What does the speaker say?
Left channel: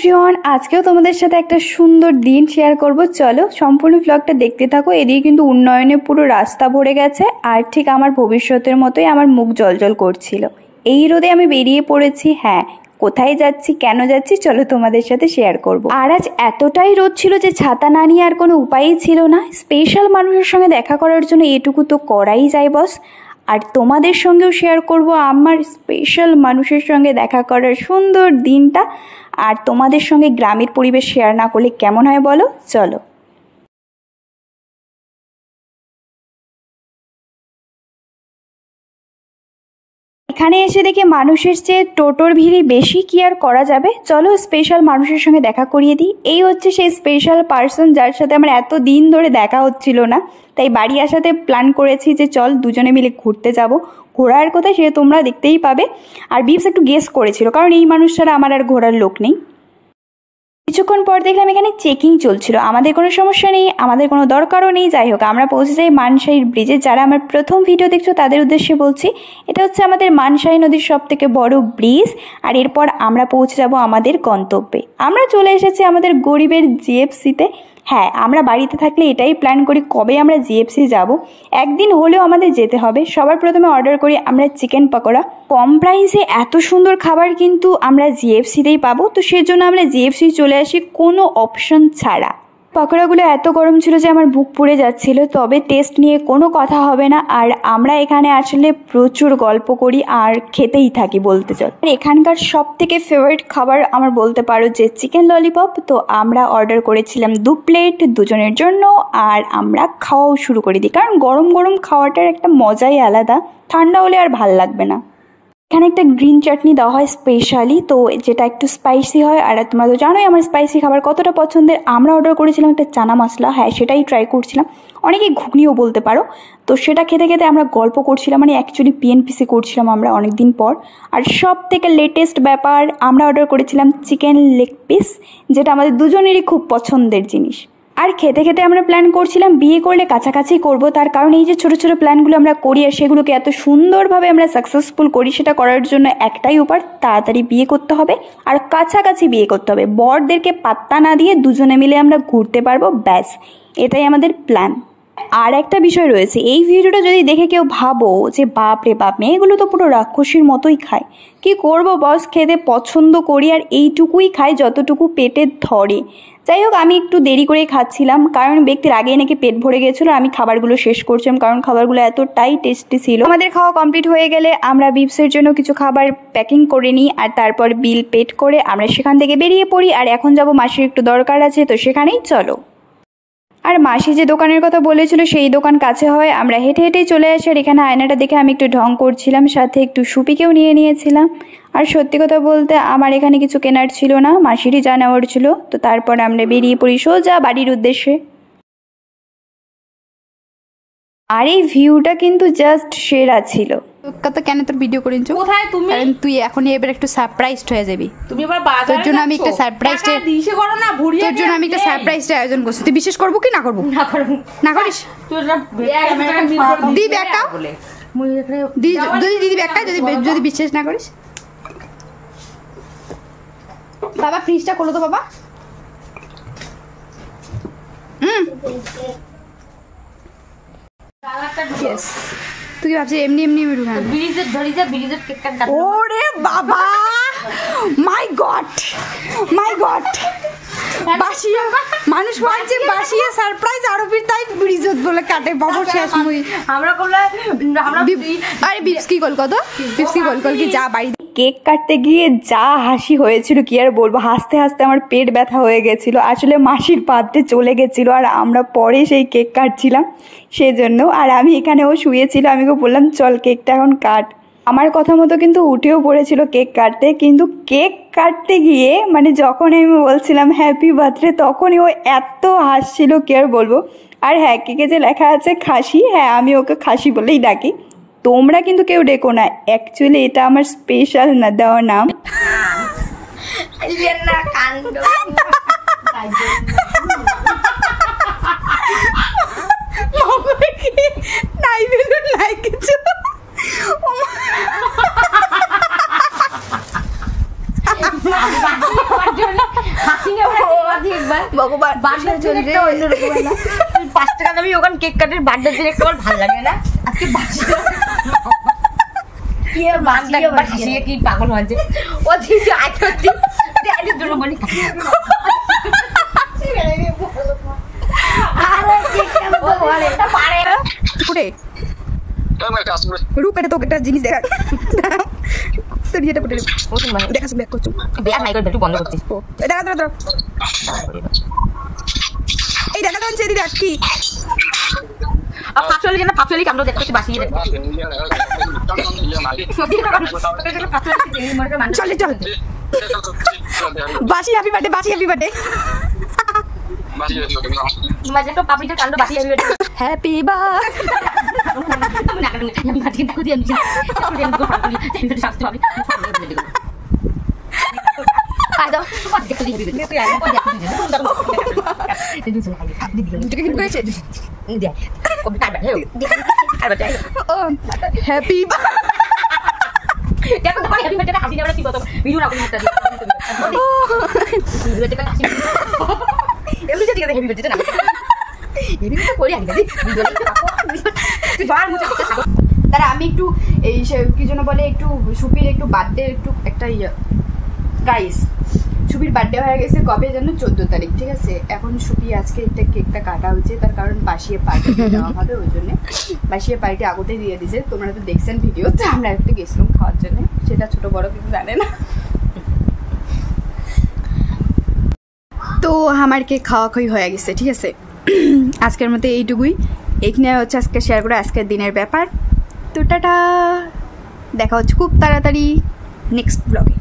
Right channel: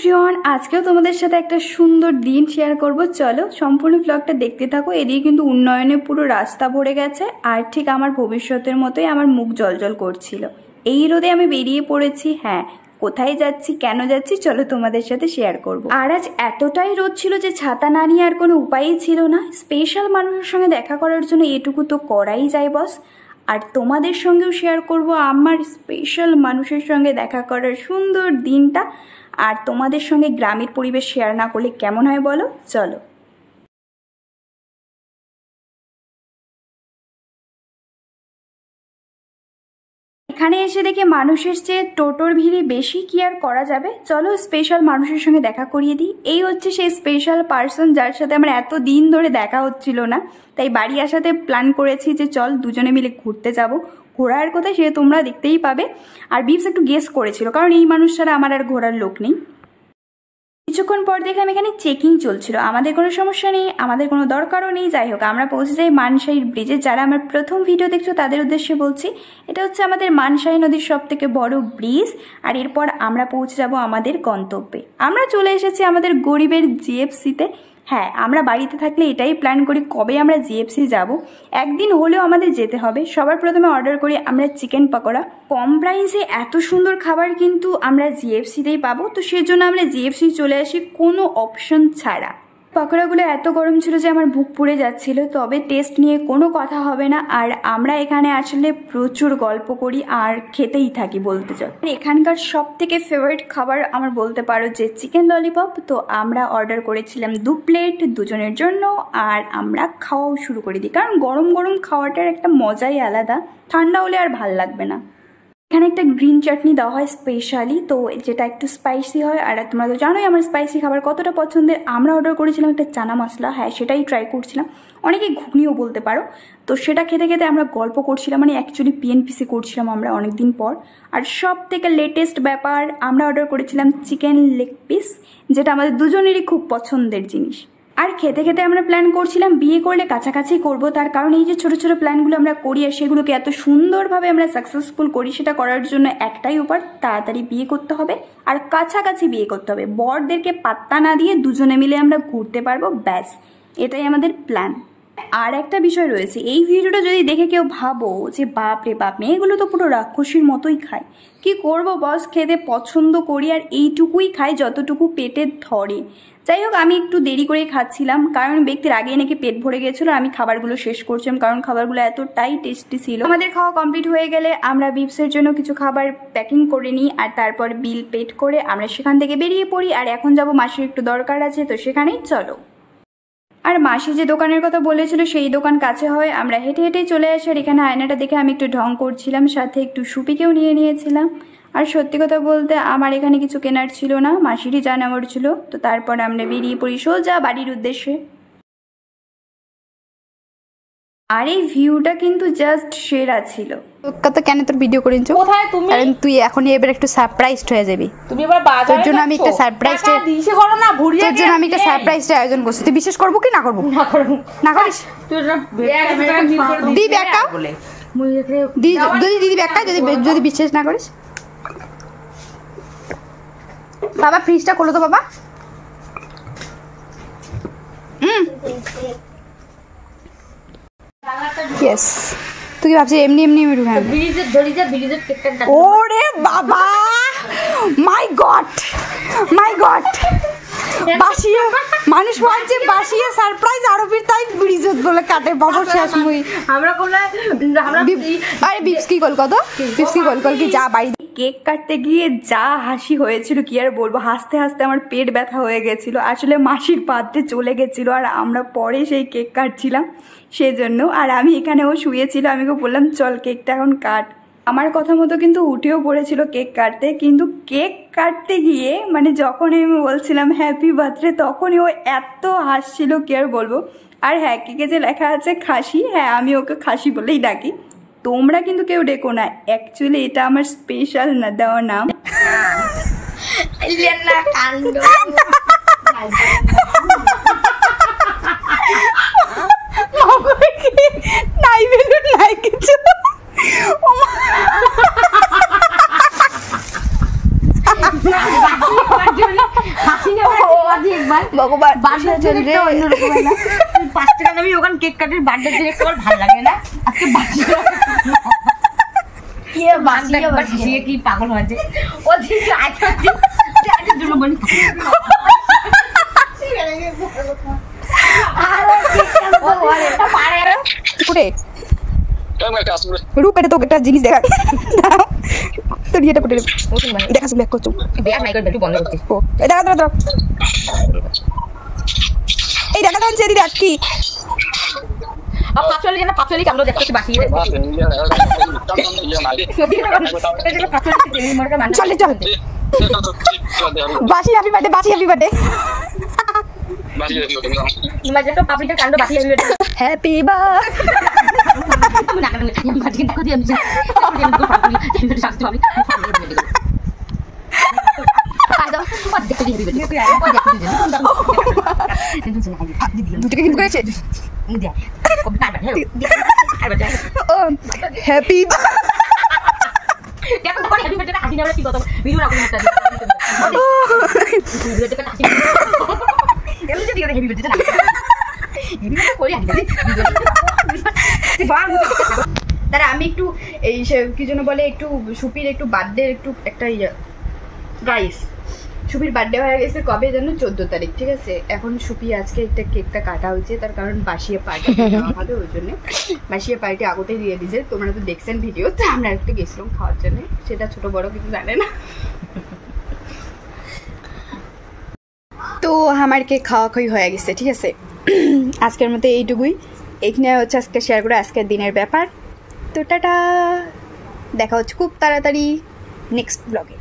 Everyone, আজকেও তোমাদের সাথে একটা সুন্দর দিন শেয়ার করব। চলো সম্পূর্ণ ব্লগটা দেখতে থাকো। এদিকে কিন্তু উন্নয়নে পুরো রাস্তা ভরে গেছে, আর ঠিক আমার ভবিষ্যতের মতোই আমার মুখ জলজল করছিল। এই রোদে আমি বেরিয়ে পড়েছি। হ্যাঁ, কোথায় যাচ্ছি, কেন যাচ্ছি, চলো তোমাদের সাথে শেয়ার করব। আর আজ এতটাই রোদ ছিল যে ছাতা না নিয়ে আর কোনো উপায়ই ছিল না। স্পেশাল মানুষের সঙ্গে দেখা করার জন্য এটুকু তো করাই যায় বস। আর তোমাদের সঙ্গেও শেয়ার করব আমার স্পেশাল মানুষের সঙ্গে দেখা করার সুন্দর দিনটা। আর তোমাদের সঙ্গে গ্রামের পরিবেশ শেয়ার না করলে কেমন হয় বলো। চলো। এখানে এসে দেখে মানুষের চেয়ে টোটোর ভিড়ই বেশি, কি আর করা যাবে। চলো স্পেশাল মানুষের সঙ্গে দেখা করিয়ে দিই। এই হচ্ছে সেই স্পেশাল পার্সন যার সাথে আমার এত দিন ধরে দেখা হচ্ছিল না। তাই বাড়ি আসাতে প্ল্যান করেছি যে চল দুজনে মিলে ঘুরতে যাব। ঘোরার কথা সে তোমরা দেখতেই পাবে। আর বিপস একটু গেস করেছিল, কারণ এই মানুষ ছাড়া আমার আর ঘোরার লোক নেই। কিছুক্ষণ পর দেখলাম এখানে চেকিং চলছিল। আমাদের কোনো সমস্যা নেই, আমাদের কোনো দরকারও নেই। যাই হোক, আমরা পৌঁছে যাই মানসাই ব্রিজে। যারা আমার প্রথম ভিডিও দেখছো তাদের উদ্দেশ্যে বলছি, এটা হচ্ছে আমাদের মানসাই নদীর সব থেকে বড় ব্রিজ। আর এরপর আমরা পৌঁছে যাব আমাদের গন্তব্যে। আমরা চলে এসেছি আমাদের গরিবের জিএফসিতে। হ্যাঁ, আমরা বাড়িতে থাকলে এটাই প্ল্যান করি কবে আমরা জিএফসি যাব। একদিন হলেও আমাদের যেতে হবে। সবার প্রথমে অর্ডার করি আমরা চিকেন পকোড়া। কম প্রাইসে এত সুন্দর খাবার কিন্তু আমরা জিএফসিতেই পাবো, তো সেজন্য আমরা জিএফসি চলে আসি কোনো অপশন ছাড়া। পকোড়াগুলো এত গরম ছিল যে আমার বুক পুড়ে যাচ্ছিল, তবে টেস্ট নিয়ে কোনো কথা হবে না। আর আমরা এখানে আসলে প্রচুর গল্প করি আর খেতেই থাকি বলতে চাই। এখানকার সব থেকে ফেভারিট খাবার আমার বলতে পারো যে চিকেন ললিপপ। তো আমরা অর্ডার করেছিলাম 2 প্লেট দুজনের জন্য, আর আমরা খাওয়াও শুরু করে দিই, কারণ গরম গরম খাওয়াটার একটা মজাই আলাদা। ঠান্ডা হলে আর ভাল লাগবে না। এখানে একটা গ্রিন চাটনি দেওয়া হয় স্পেশালি, তো যেটা একটু স্পাইসি হয়। আর তোমরা তো জানোই আমার স্পাইসি খাবার কতটা পছন্দের। আমরা অর্ডার করেছিলাম একটা চানা মশলা। হ্যাঁ, সেটাই ট্রাই করছিলাম। অনেকে ঘুগনিও বলতে পারো। তো সেটা খেতে খেতে আমরা গল্প করছিলাম, মানে অ্যাকচুয়ালি পিএনপিসি করছিলাম আমরা অনেক দিন পর। আর সব থেকে লেটেস্ট ব্যাপার, আমরা অর্ডার করেছিলাম চিকেন লেগ পিস, যেটা আমাদের দুজনেরই খুব পছন্দের জিনিস। আর খেতে খেতে আমরা প্ল্যান করছিলাম বিয়ে করলে কাছাকাছি করব। তার কারণ এই যে ছোট ছোট প্ল্যানগুলো আমরা করি আর সেগুলোকে এত সুন্দরভাবে আমরা সাকসেসফুল করি, সেটা করার জন্য একটাই উপায়, তাড়াতাড়ি বিয়ে করতে হবে আর কাছাকাছি বিয়ে করতে হবে। বরদেরকে পাত্তা না দিয়ে দুজনে মিলে আমরা ঘুরতে পারবো, ব্যাস এটাই আমাদের প্ল্যান। আর একটা বিষয় রয়েছে, এই ভিডিওটা যদি দেখে কেউ ভাবো যে বাপ রে বাপ, মেয়েগুলো তো পুরো রাক্ষসীর মতোই খায়। কি করব বস, খেতে পছন্দ করি আর এইটুকুই খাই যতটুকু পেটে ধরে। যাই হোক, আমি একটু দেরি করে খাচ্ছিলাম, কারণ ব্যক্তির আগেই নাকি পেট ভরে গেছিলো। আমি খাবারগুলো শেষ করছিলাম, কারণ খাবারগুলো এতটাই টেস্টি ছিল। আমাদের খাওয়া কমপ্লিট হয়ে গেলে আমরা বিপসের জন্য কিছু খাবার প্যাকিং করে নিই, আর তারপর বিল পেড করে আমরা সেখান থেকে বেরিয়ে পড়ি। আর এখন যাব মাসির একটু দরকার আছে, তো সেখানেই চলো। আর মাসি যে দোকানের কথা বলেছিল সেই দোকান কাছে হয়, আমরা হেঁটে হেঁটেই চলে আসি। আর এখানে আয়নাটা দেখে আমি একটু ঢং করছিলাম, সাথে একটু সুপিকেও নিয়ে নিয়েছিলাম। আর সত্যি কথা বলতে আমার এখানে কিছু কেনার ছিল না, মাসিরই যা নেওয়ার ছিল। তো তারপর আমরা বেরিয়ে পড়ি সোজা বাড়ির উদ্দেশ্যে। আর এই ভিউটা কিন্তু জাস্ট সেরা ছিল। কত কেন তোর ভিডিও করিস কোথায় তুমি? কারণ তুই এখন এবার একটু সারপ্রাইজড হয়ে যাবি। তুমি এবার বাজারে তোর জন্য আমি একটা সারপ্রাইজ দিশে করো না, ভুরিয়ে তোর জন্য আমি একটা সারপ্রাইজ আয়োজন করছি। তুই বিশ্বাস করবো কি না করবো? না করব না করিস? তুই না দি ব্যাগটা দি, যদি দিদি ব্যাগটা যদি বিশ্বাস না করিস। বাবা ফ্রিজটা খোলো তো বাবা। ইয়েস, তুই কি ভাবছিস এমনি এমনি আমি ঢুকান? ব্রিজের ধরি যা, ব্রিজের কেকটা কাট। ওরে বাবা, মাই গড মাই গড, বাসিয়ে মানুষ বলছে বাসিয়ে সারপ্রাইজ আরো ফির তাই ব্রিজত বলে কাটে বাবু শেষ মুই। আমরা করলে আমরা আরে বিপস কি কল কত বিপস কি কল কি যা বাড়ি। কেক কাটতে গিয়ে যা হাসি হয়েছিল কি আর বলবো। হাসতে হাসতে আমার পেট ব্যথা হয়ে গেছিল। আসলে মাসির পাত্রে চলে গেছিল, আর আমরা পরে সেই কেক কাটছিলাম সেজন্য। আর আমি এখানেও শুয়েছিল, আমি ওকে বললাম চল কেকটা এখন কাট। আমার কথা মতো কিন্তু উঠেও পড়েছিল কেক কাটতে, কিন্তু কেক কাটতে গিয়ে মানে যখন আমি বলছিলাম হ্যাপি বার্থডে, তখনই ও এত হাসছিল কি আর বলবো। আর হ্যাঁ, কেকে যে লেখা আছে খাসি, হ্যাঁ আমি ওকে খাসি বলেই ডাকি। তোমরা কিন্তু কেউ ডেকো না, অ্যাকচুয়ালি এটা আমার স্পেশাল না দেওয়া নাম। নাই বেলুন নাই কিছু। একবার ভগবান বার্থডে চলবে অন্যরকম হয় না 5 টাকা দামি ওখানে কেক কাটের বার্থডে দিন একটু ভালো লাগে না আজকে বাসিয়ে কি পাগল হয়েছে ও দিন আজ দুটো বলি আরো কেক কাটো পারে করে রূপ এটা তো একটা জিনিস দেখা তো এটা করে দেখা ব্যাক করছো বিয়া নাই করে একটু বন্ধ করতে ও দেখা দাও এই দেখা দাও চেরি দেখ কি আর পাঁচলি কামড় দেখতে বাসিয়ে চলে চল বাসি হ্যাপি বার্থডে বাসি হ্যাপি বার্থডে তোমার যেটা পাপড়িটা কাণ্ড বাসিয়ে হ্যাপি হ্যাপি তারা আমি একটু এই কি জন্য বলে একটু সুপির একটু বার্থডে একটু একটা গাইস সুপির বার্থডে হয়ে গেছে কবে যেন 14 তারিখ ঠিক আছে এখন সুপি আজকে একটা কেকটা কাটা হয়েছে তার কারণ বাসিয়ে পার্টি দেওয়া হবে ওই জন্য বাসিয়ে পার্টি আগতে দিয়ে দিয়েছে তোমরা তো দেখছেন ভিডিও তো আমরা একটু গেছিলাম খাওয়ার জন্য সেটা ছোট বড় কিছু জানে না তো আমার কেক খাওয়া খাওয়ি হয়ে গেছে ঠিক আছে আজকের মতো এইটুকুই এখানে হচ্ছে আজকে শেয়ার করে আজকের দিনের ব্যাপার তো টাটা দেখা হচ্ছে খুব তাড়াতাড়ি নেক্সট ব্লগে